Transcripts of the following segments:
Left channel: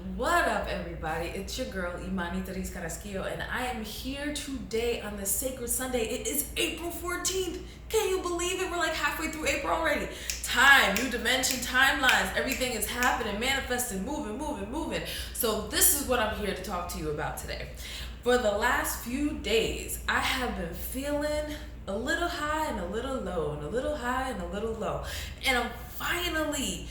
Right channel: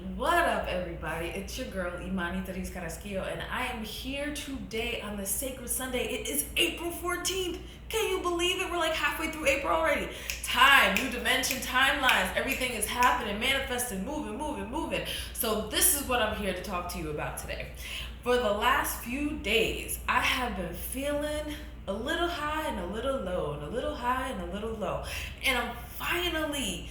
What up, everybody? It's your girl, Imani Therese Carrasquillo, and I am here today on this sacred Sunday. It is April 14th. Can you believe it? We're like halfway through April already. Time, new dimension, timelines, everything is happening, manifesting, moving. So this is what I'm here to talk to you about today. For the last few days, I have been feeling a little high and a little low, and a little high and a little low. And I'm finally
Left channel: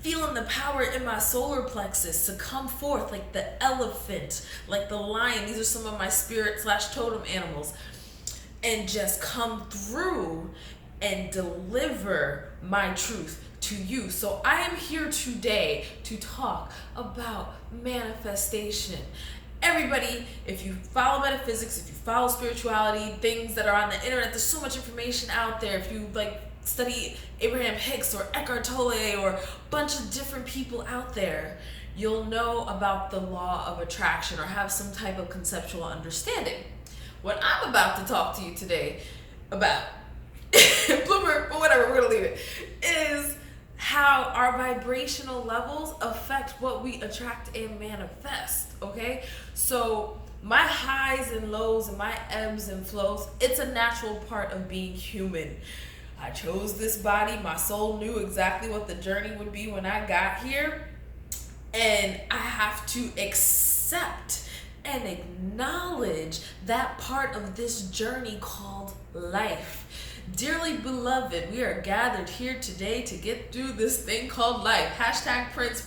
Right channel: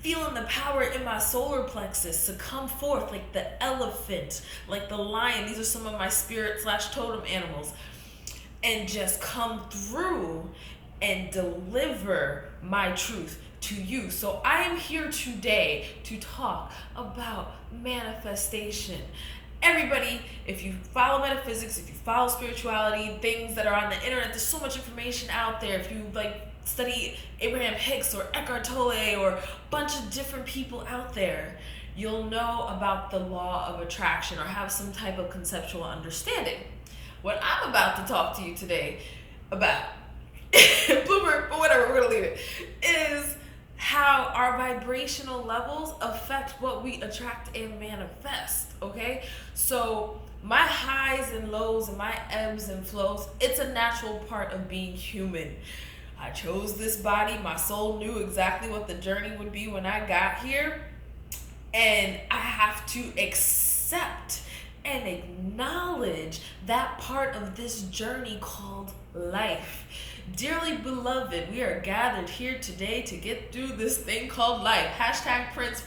feeling the power in my solar plexus to come forth like the elephant, like the lion. These are some of my spirit/totem animals. And just come through and deliver my truth to you. So I am here today to talk about manifestation. Everybody, if you follow metaphysics, if you follow spirituality, things that are on the internet, there's so much information out there. If you study Abraham Hicks or Eckhart Tolle or a bunch of different people out there, you'll know about the law of attraction or have some type of conceptual understanding. What I'm about to talk to you today about, blooper, but whatever, we're gonna leave it, is how our vibrational levels affect what we attract and manifest, okay? So my highs and lows and my ebbs and flows, it's a natural part of being human. I chose this body. My soul knew exactly what the journey would be when I got here. And I have to accept and acknowledge that part of this journey called life. Dearly beloved, we are gathered here today to get through this thing called life. Hashtag Prince,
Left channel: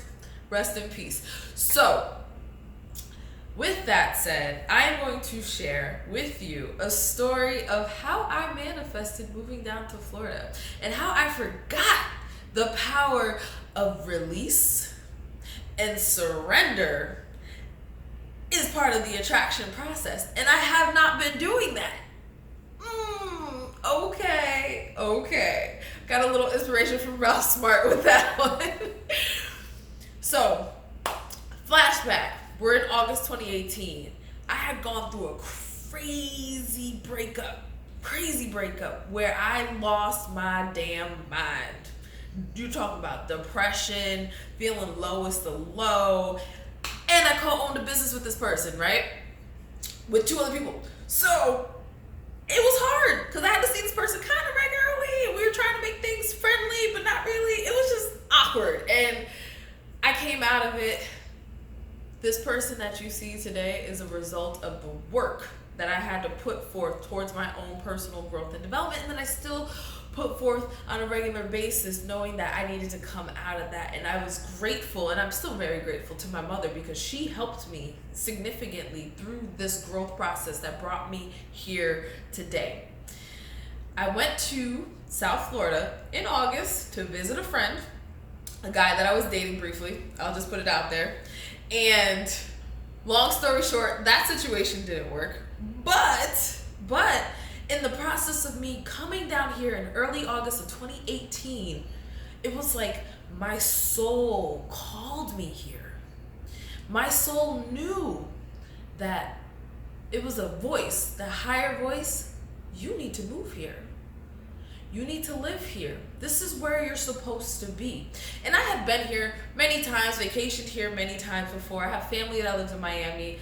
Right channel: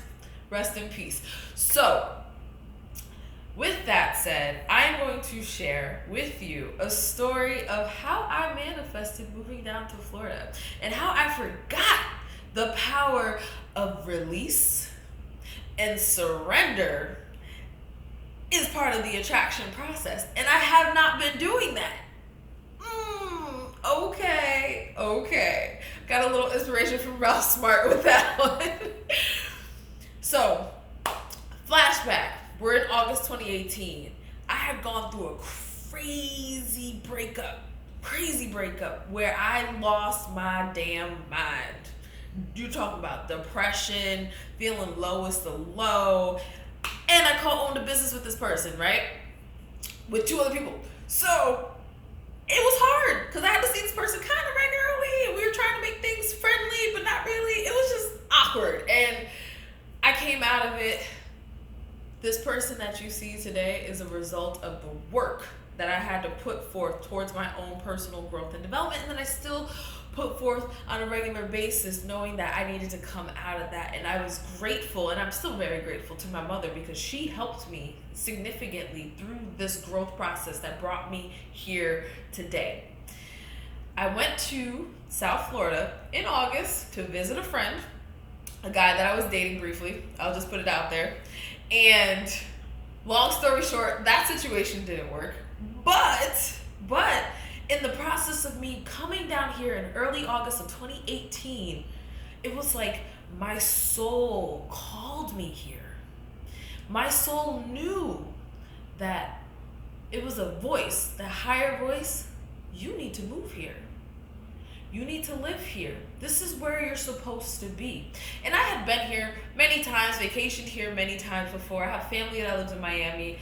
rest in peace. So, with that said, I am going to share with you a story of how I manifested moving down to Florida and how I forgot the power of release and surrender is part of the attraction process. And I have not been doing that. Okay. Got a little inspiration from Ralph Smart with that one. So, flashback. We're in August 2018. I had gone through a crazy breakup where I lost my damn mind. You talking about depression, feeling lowest of low, and I co-owned a business with this person, right? With two other people. So it was hard because I had to see this person kind of regularly, and we were trying to make things friendly, but not really. It was just awkward, and I came out of it. This person that you see today is a result of the work that I had to put forth towards my own personal growth and development, and then I still put forth on a regular basis, knowing that I needed to come out of that. And I was grateful, and I'm still very grateful to my mother because she helped me significantly through this growth process that brought me here today. I went to South Florida in August to visit a friend, a guy that I was dating briefly. I'll just put it out there. And long story short, that situation didn't work. But in the process of me coming down here in early August of 2018, it was like my soul called me here. My soul knew that it was a voice, that higher voice, you need to move here. You need to live here. This is where you're supposed to be. And I had been here many times, vacationed here many times before. I have family that lives in Miami.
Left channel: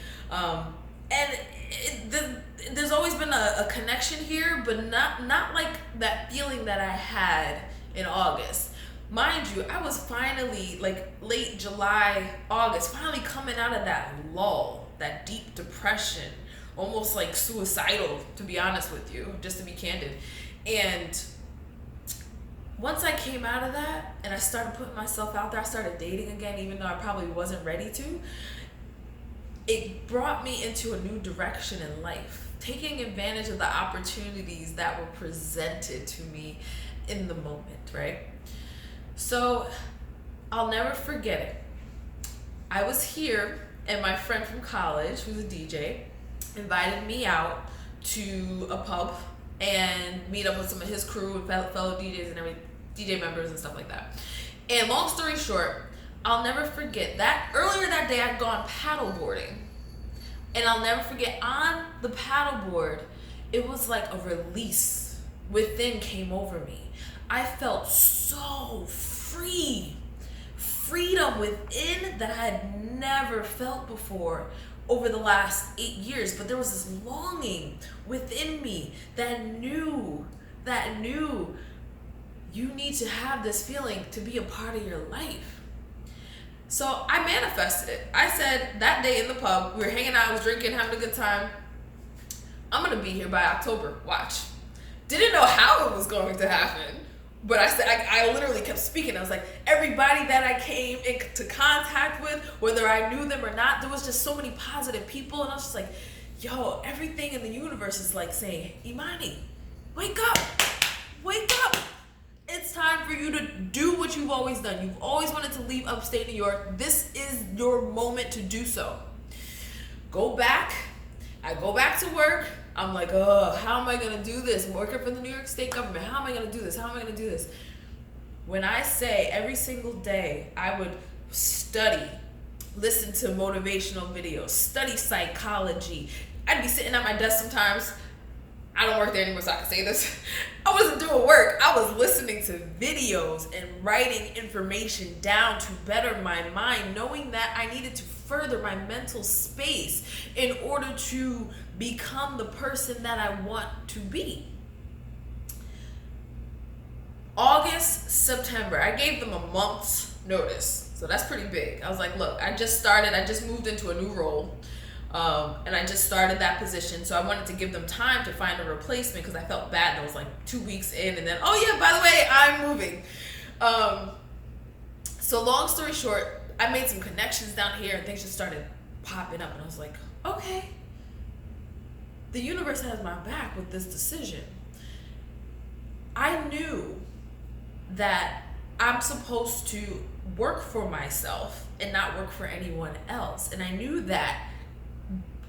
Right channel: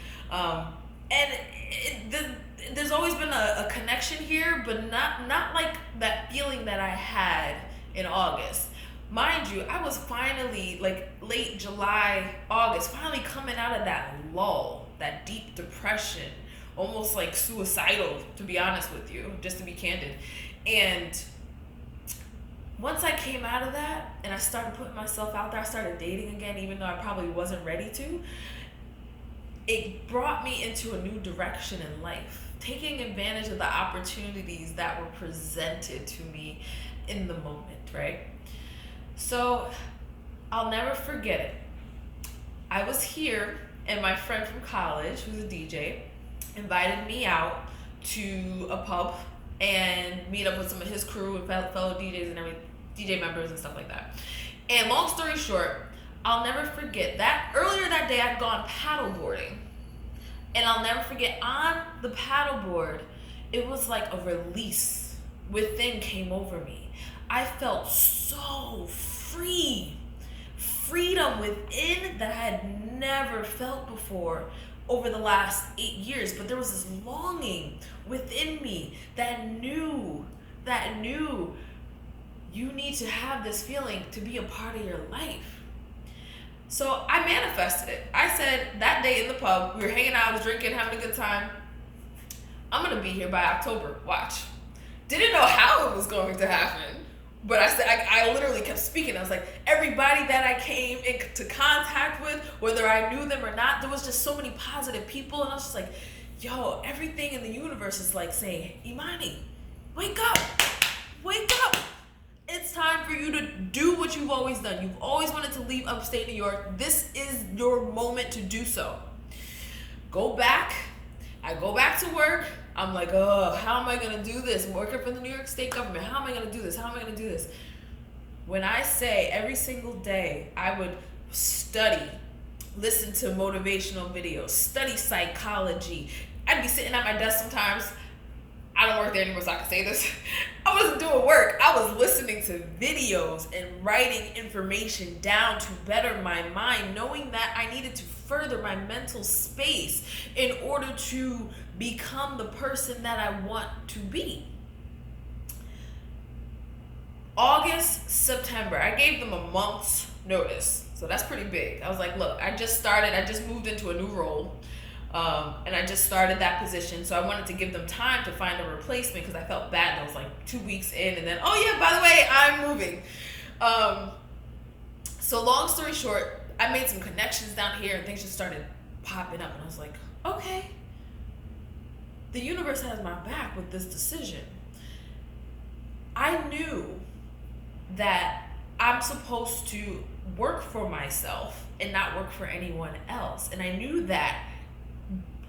There's always been a connection here, but not like that feeling that I had in August. Mind you, I was finally, late July, August, finally coming out of that lull, that deep depression, almost like suicidal, to be honest with you, just to be candid. And once I came out of that and I started putting myself out there, I started dating again, even though I probably wasn't ready to, it brought me into a new direction in life, taking advantage of the opportunities that were presented to me in the moment, right? So I'll never forget it. I was here and my friend from college, who's a DJ, invited me out to a pub and meet up with some of his crew and fellow DJs and DJ members and stuff like that. And long story short, I'll never forget that earlier that day I'd gone paddleboarding. And I'll never forget, on the paddleboard, it was like a release within came over me. I felt so free freedom within that I had never felt before over the last 8 years. But there was this longing within me that knew you need to have this feeling to be a part of your life. So I manifested it. I said that day in the pub, we were hanging out, I was drinking, having a good time. I'm gonna be here by October, watch. Didn't know how it was going to happen, but I literally kept speaking. I was like, everybody that I came into contact with, whether I knew them or not, there was just so many positive people, and I was just like, yo, everything in the universe is like saying, Imani, wake up, wake up. It's time for you to do what you've always done. You've always wanted to leave upstate New York. This is your moment to do so. Go back. I go back to work. I'm like, oh, how am I going to do this? I'm working for the New York State government. How am I going to do this? How am I going to do this? When I say every single day, I would study, listen to motivational videos, study psychology. I'd be sitting at my desk sometimes. I don't work there anymore, so I can say this. I wasn't doing work. I was listening to videos and writing information down to better my mind, knowing that I needed to further my mental space in order to become the person that I want to be. August, September, I gave them a month's notice. So that's pretty big. I was like, look, I just moved into a new role. And I just started that position, so I wanted to give them time to find a replacement because I felt bad. I was like 2 weeks in, and then, oh yeah, by the way, I'm moving. So long story short, I made some connections down here, and things just started popping up, and I was like, okay, the universe has my back with this decision. I knew that I'm supposed to work for myself and not work for anyone else, and I knew that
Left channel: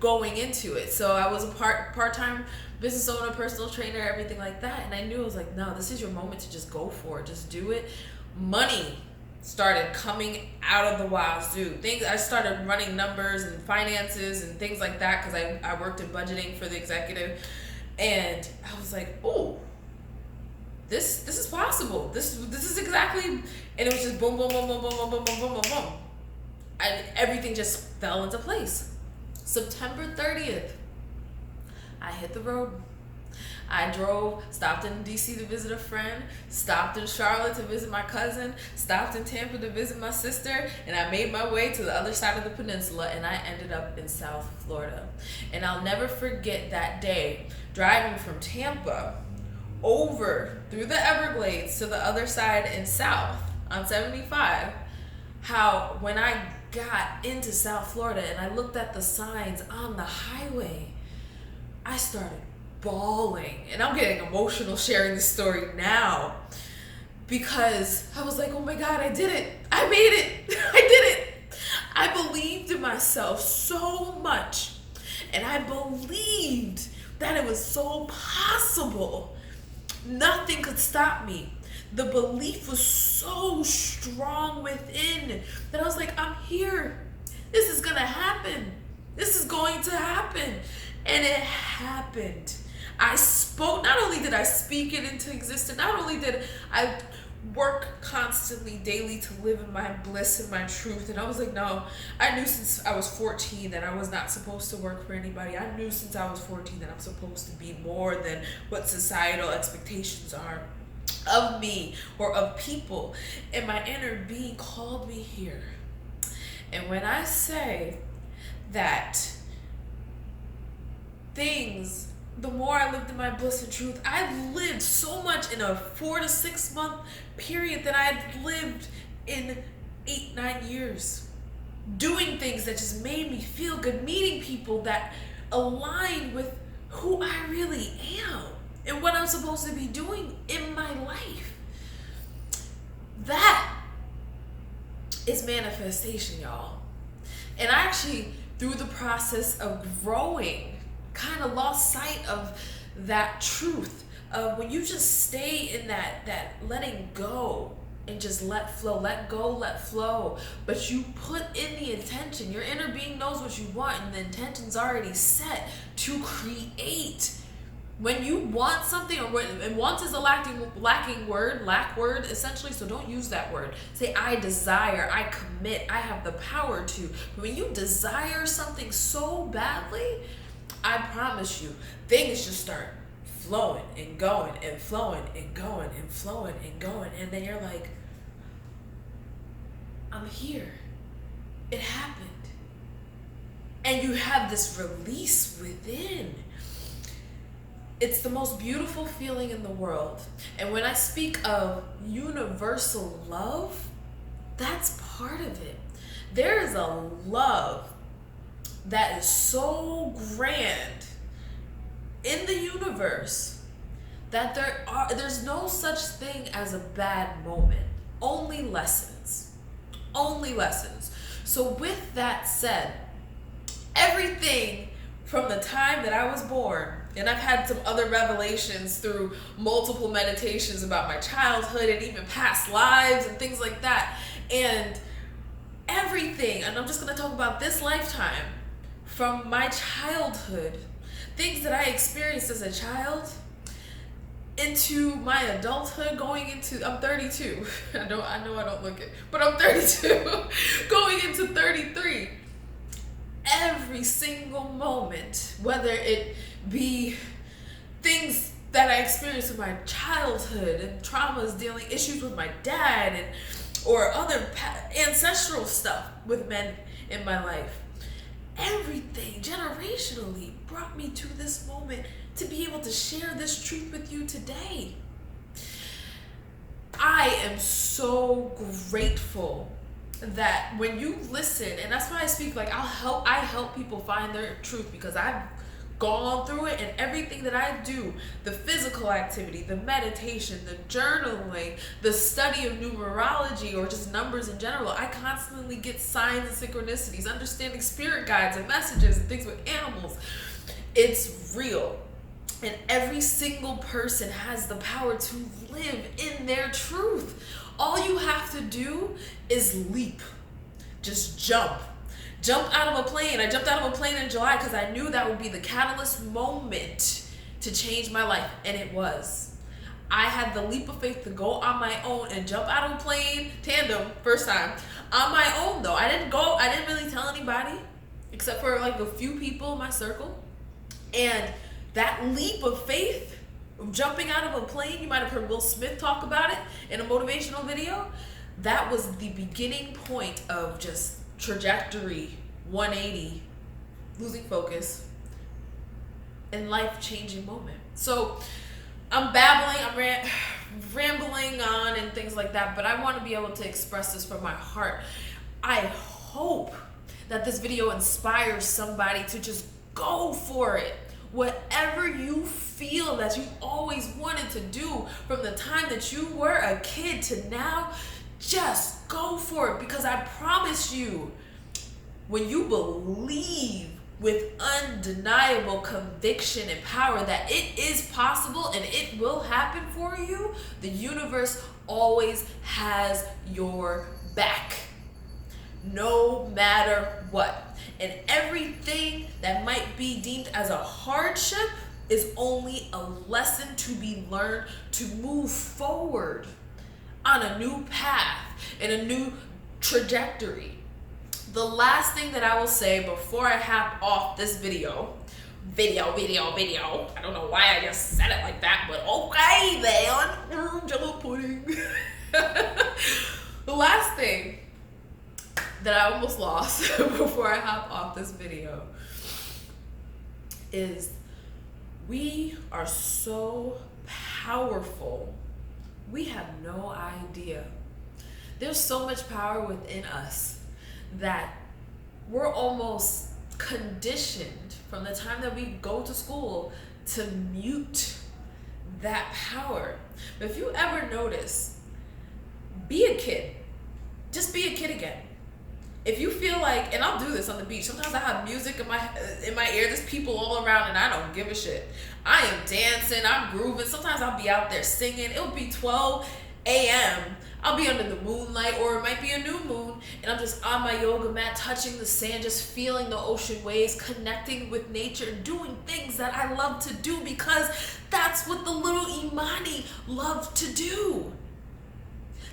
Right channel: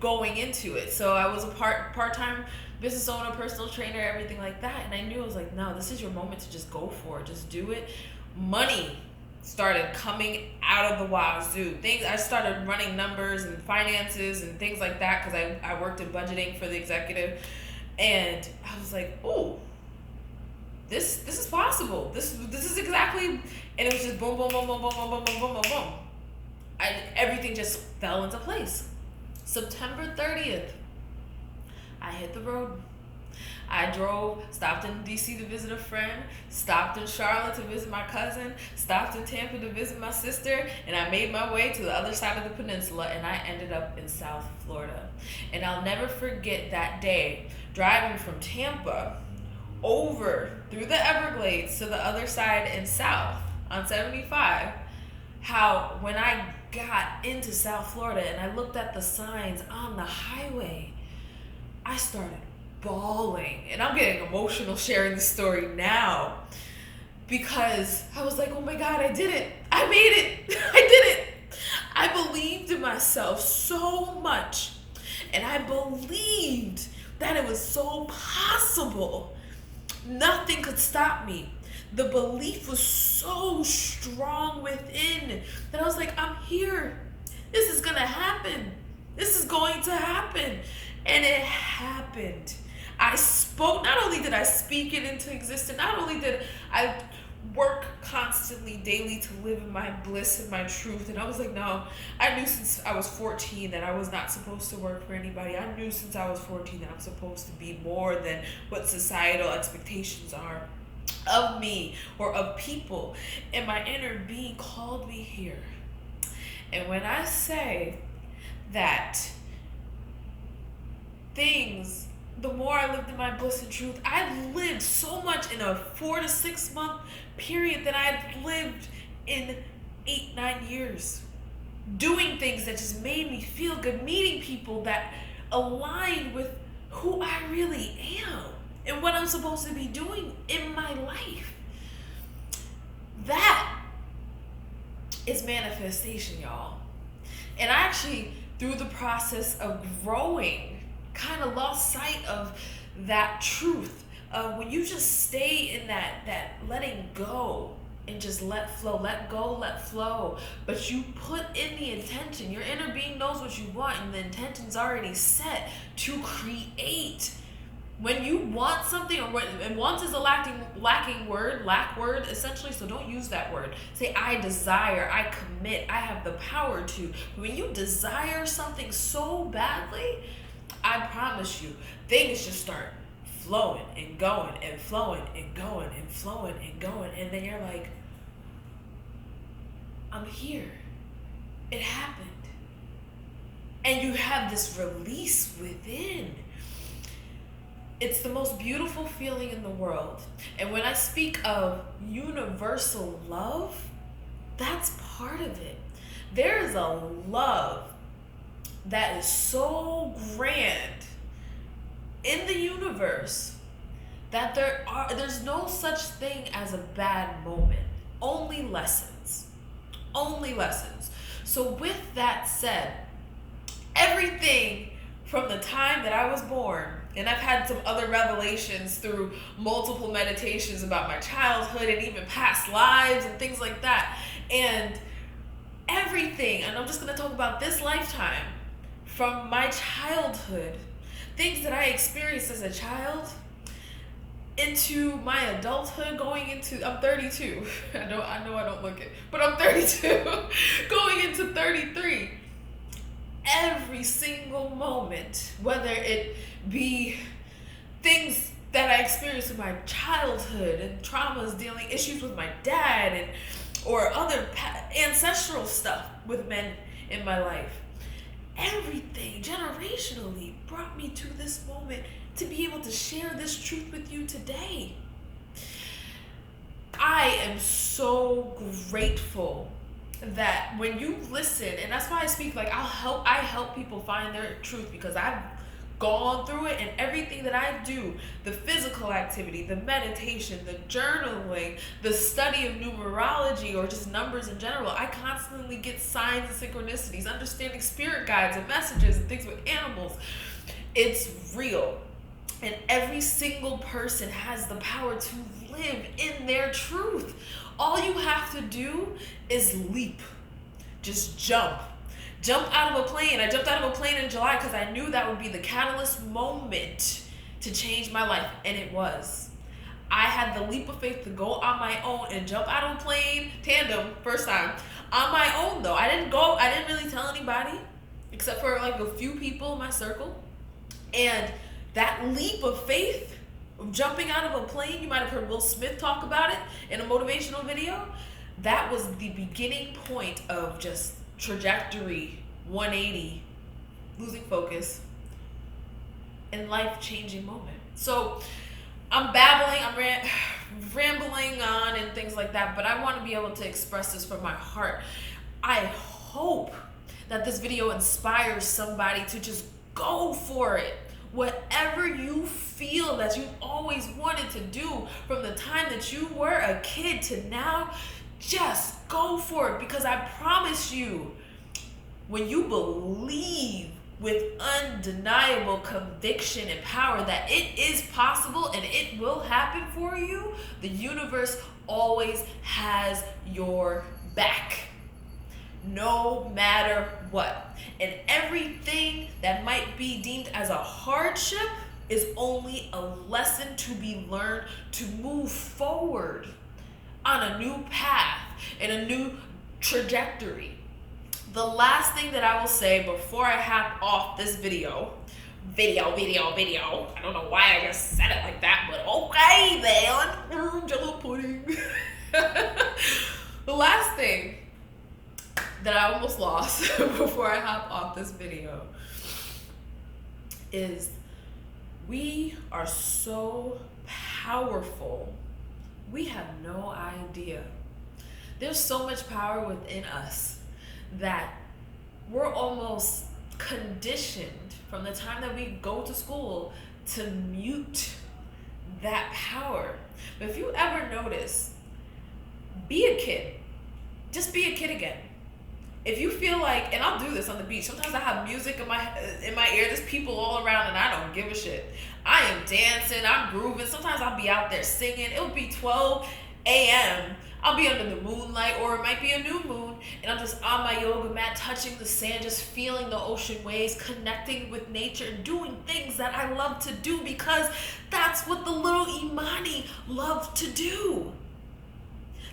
going into it. So I was a part-time business owner, personal trainer, everything like that. And I knew, I was like, no, this is your moment to just go for it. Just do it. Money started coming out of the wazoo. I started running numbers and finances and things like that because I worked in budgeting for the executive. And I was like, oh, this is possible. This is exactly, and it was just boom, boom, boom, boom, boom, boom, boom, boom, boom, boom, boom. Everything just fell into place. September 30th, I hit the road. I drove, stopped in DC to visit a friend, stopped in Charlotte to visit my cousin, stopped in Tampa to visit my sister, and I made my way to the other side of the peninsula, and I ended up in South Florida. And I'll never forget that day, driving from Tampa over through the Everglades to the other side in South on 75, how when I got into South Florida and I looked at the signs on the highway, I started bawling. And I'm getting emotional sharing this story now because I was like, oh my God, I did it. I made it. I did it. I believed in myself so much. And I believed that it was so possible. Nothing could stop me. The belief was so strong within that I was like, I'm here. This is going to happen. This is going to happen. And it happened. I spoke, not only did I speak it into existence, not only did I work constantly, daily to live in my bliss and my truth. And I was like, no, I knew since I was 14 that I was not supposed to work for anybody. I knew since I was 14 that I'm supposed to be more than what societal expectations are of me or of people. And my inner being called me here. And when I say that things, the more I lived in my bliss and truth, I lived so much in a 4 to 6 month period that I had lived in 8-9 years, doing things that just made me feel good, meeting people that aligned with who I really am and what I'm supposed to be doing in my life. That is manifestation, y'all. And I actually, through the process of growing, kind of lost sight of that truth of when you just stay in that letting go and just let flow, let go, let flow, but you put in the intention. Your inner being knows what you want, and the intention's already set to create When you want something, and want is a lack word essentially, so don't use that word. Say, I desire, I commit, I have the power to. When you desire something so badly, I promise you, things just start flowing and going and flowing and going and flowing and going. And then you're like, I'm here. It happened. And you have this release within. It's the most beautiful feeling in the world. And when I speak of universal love, that's part of it. There is a love that is so grand in the universe that there's no such thing as a bad moment. Only lessons. Only lessons. So with that said, everything from the time that I was born, and I've had some other revelations through multiple meditations about my childhood and even past lives and things like that. And everything, and I'm just going to talk about this lifetime, from my childhood, things that I experienced as a child, into my adulthood, going into, I'm 32. I know I don't look it, but I'm 32, going into 33. Every single moment, whether it be things that I experienced in my childhood and traumas, dealing issues with my dad, and or other ancestral stuff with men in my life, everything generationally brought me to this moment to be able to share this truth with you today. I am so grateful that when you listen, and that's why I speak, like I help people find their truth, because I've gone through it, and everything that I do, the physical activity, the meditation, the journaling, the study of numerology, or just numbers in general, I constantly get signs and synchronicities, understanding spirit guides and messages and things with animals. It's real. And every single person has the power to live in their truth. All you have to do is leap. Just jump. Jump out of a plane. I jumped out of a plane in July because I knew that would be the catalyst moment to change my life. And it was. I had the leap of faith to go on my own and jump out of a plane, tandem, first time. On my own though. I didn't really tell anybody, except for like a few people in my circle. And that leap of faith, jumping out of a plane, you might have heard Will Smith talk about it in a motivational video. That was the beginning point of just trajectory, 180, losing focus, and life-changing moment. So I'm babbling, I'm rambling on and things like that, but I want to be able to express this from my heart. I hope that this video inspires somebody to just go for it. Whatever you feel that you always wanted to do from the time that you were a kid to now, just go for it, because I promise you, when you believe with undeniable conviction and power that it is possible and it will happen for you, the universe always has your back, no matter what. And everything that might be deemed as a hardship is only a lesson to be learned to move forward on a new path and a new trajectory. The last thing that I will say before I hop off this video, I don't know why I just said it like that, but okay then, Jello pudding. The last thing that I almost lost before I hop off this video is we are so powerful. We have no idea. There's so much power within us that we're almost conditioned from the time that we go to school to mute that power. But if you ever notice, be a kid. Just be a kid again. If you feel like, and I'll do this on the beach, sometimes I have music in my ear, there's people all around and I don't give a shit. I am dancing, I'm grooving, sometimes I'll be out there singing, it'll be 12 a.m. I'll be under the moonlight, or it might be a new moon, and I'm just on my yoga mat, touching the sand, just feeling the ocean waves, connecting with nature, and doing things that I love to do, because that's what the little Imani love to do.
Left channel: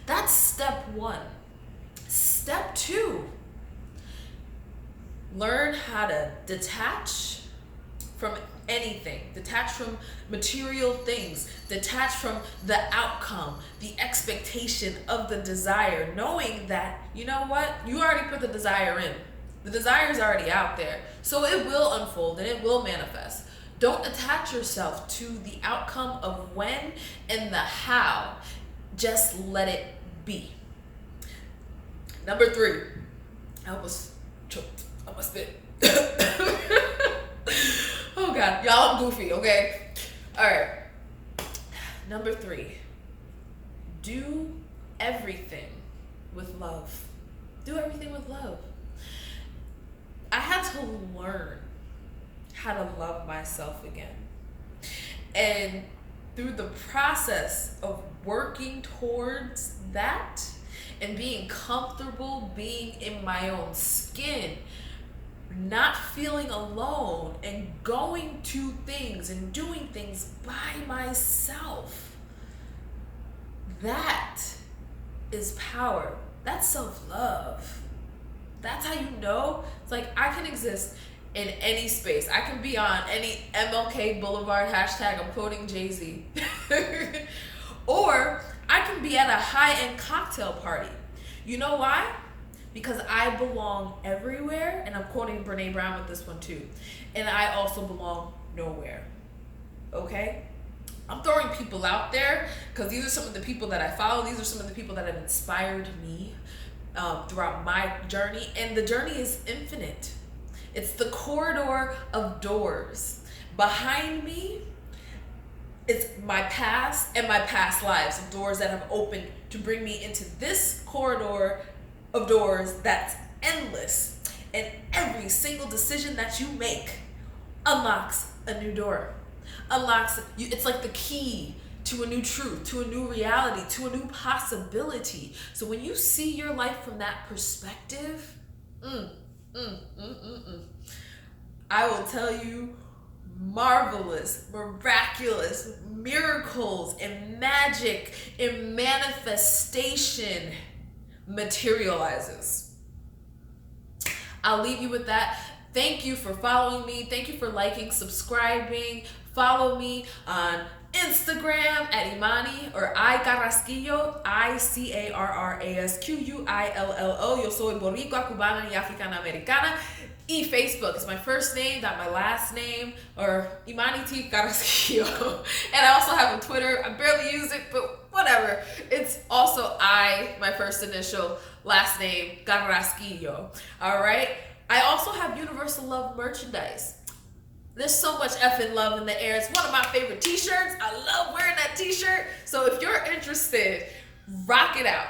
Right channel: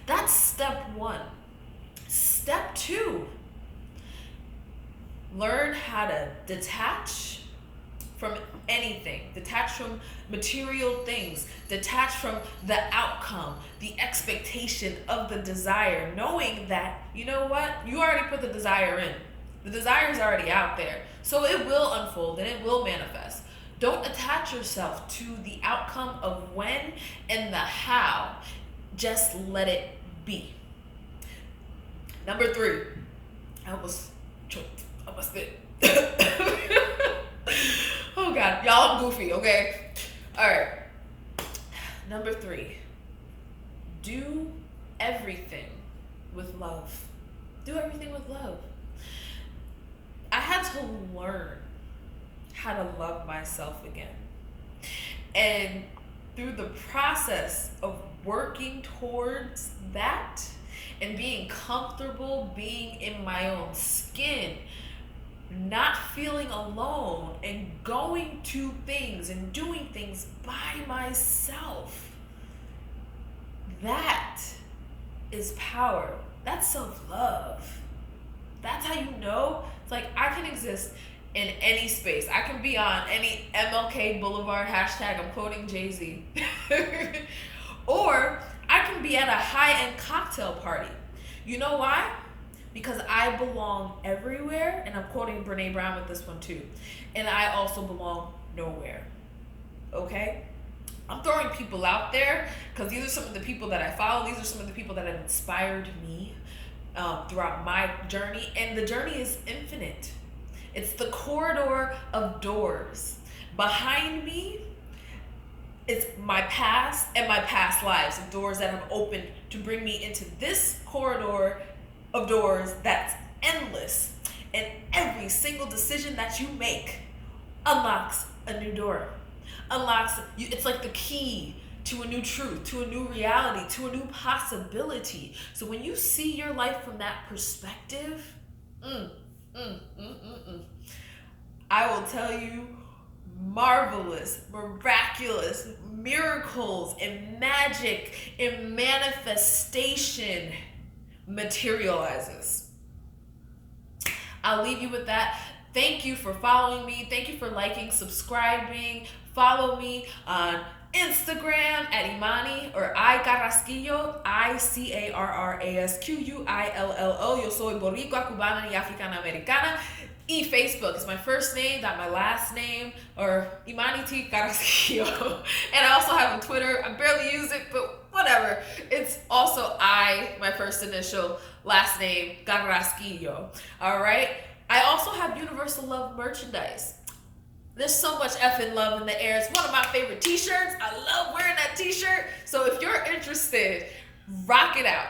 That's step one. Step two, learn how to detach from anything, detach from material things, detach from the outcome, the expectation of the desire, knowing that, you know what, you already put the desire in. The desire is already out there, so it will unfold and it will manifest. Don't attach yourself to the outcome of when and the how. Just let it be. Number three, I almost choked on my spit. Oh God, y'all, I'm goofy, okay? All right. Number three, do everything with love. Do everything with love. I had to learn how to love myself again. And through the process of working towards that and being comfortable being in my own skin, not feeling alone, and going to things and doing things by myself, that is power. That's self-love. That's how you know. It's like, I can exist in any space. I can be on any MLK Boulevard hashtag, I'm quoting Jay-Z. Or I can be at a high-end cocktail party. You know why? Because I belong everywhere, and I'm quoting Brene Brown with this one too. And I also belong nowhere. Okay? I'm throwing people out there because these are some of the people that I follow. These are some of the people that have inspired me throughout my journey. And the journey is infinite. It's the corridor of doors. Behind me, it's my past and my past lives, of doors that have opened to bring me into this corridor of doors that's endless. And every single decision that you make unlocks a new door. It's like the key to a new truth, to a new reality, to a new possibility. So when you see your life from that perspective, I will tell you, marvelous, miraculous miracles and magic and manifestation materializes. I'll leave you with that. Thank you for following me. Thank you for liking, subscribing. Follow me on Instagram at Imani or Carrasquillo, Icarrasquillo. Yo soy boricua, cubana y africana americana. Y Facebook is my first name, not my last name, or Imani T. Carrasquillo. And I also have a Twitter. I barely use it, but whatever. It's also my first initial, last name, Carrasquillo. All right? I also have Universal Love merchandise. There's so much effing love in the air. It's one of my favorite t-shirts. I love wearing that t-shirt. So if you're interested, rock it out.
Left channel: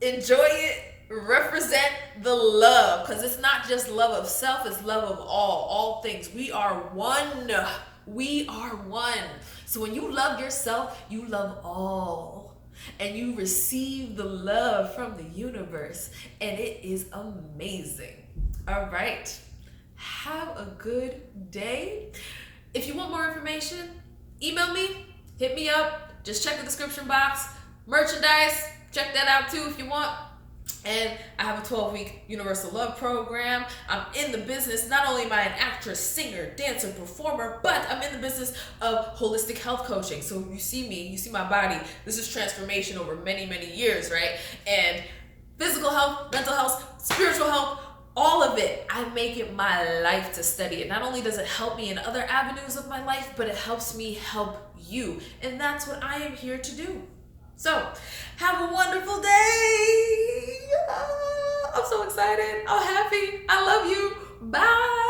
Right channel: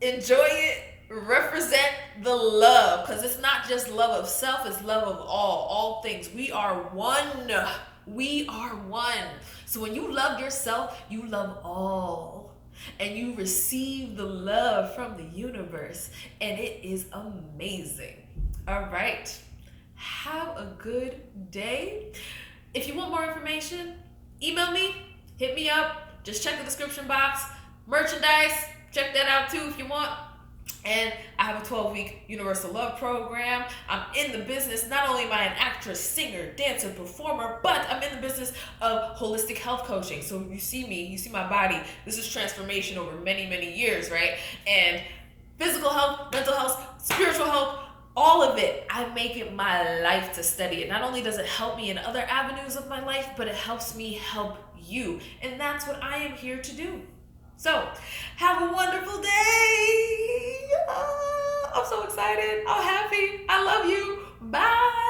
Enjoy it. Represent the love. Because it's not just love of self, it's love of all things. We are one. We are one. So when you love yourself, you love all. And you receive the love from the universe. And it is amazing. All right. Have a good day. If you want more information, email me, hit me up. Just check the description box. Merchandise, check that out too if you want. And I have a 12-week Universal Love program. I'm in the business. Not only am I an actress, singer, dancer, performer, but I'm in the business of holistic health coaching. So you see me, you see my body. This is transformation over many, many years, right? And physical health, mental health, spiritual health, all of it, I make it my life to study it. Not only does it help me in other avenues of my life, but it helps me help you. And that's what I am here to do. So, have a wonderful day. I'm so excited. I'm happy. I love you. Bye.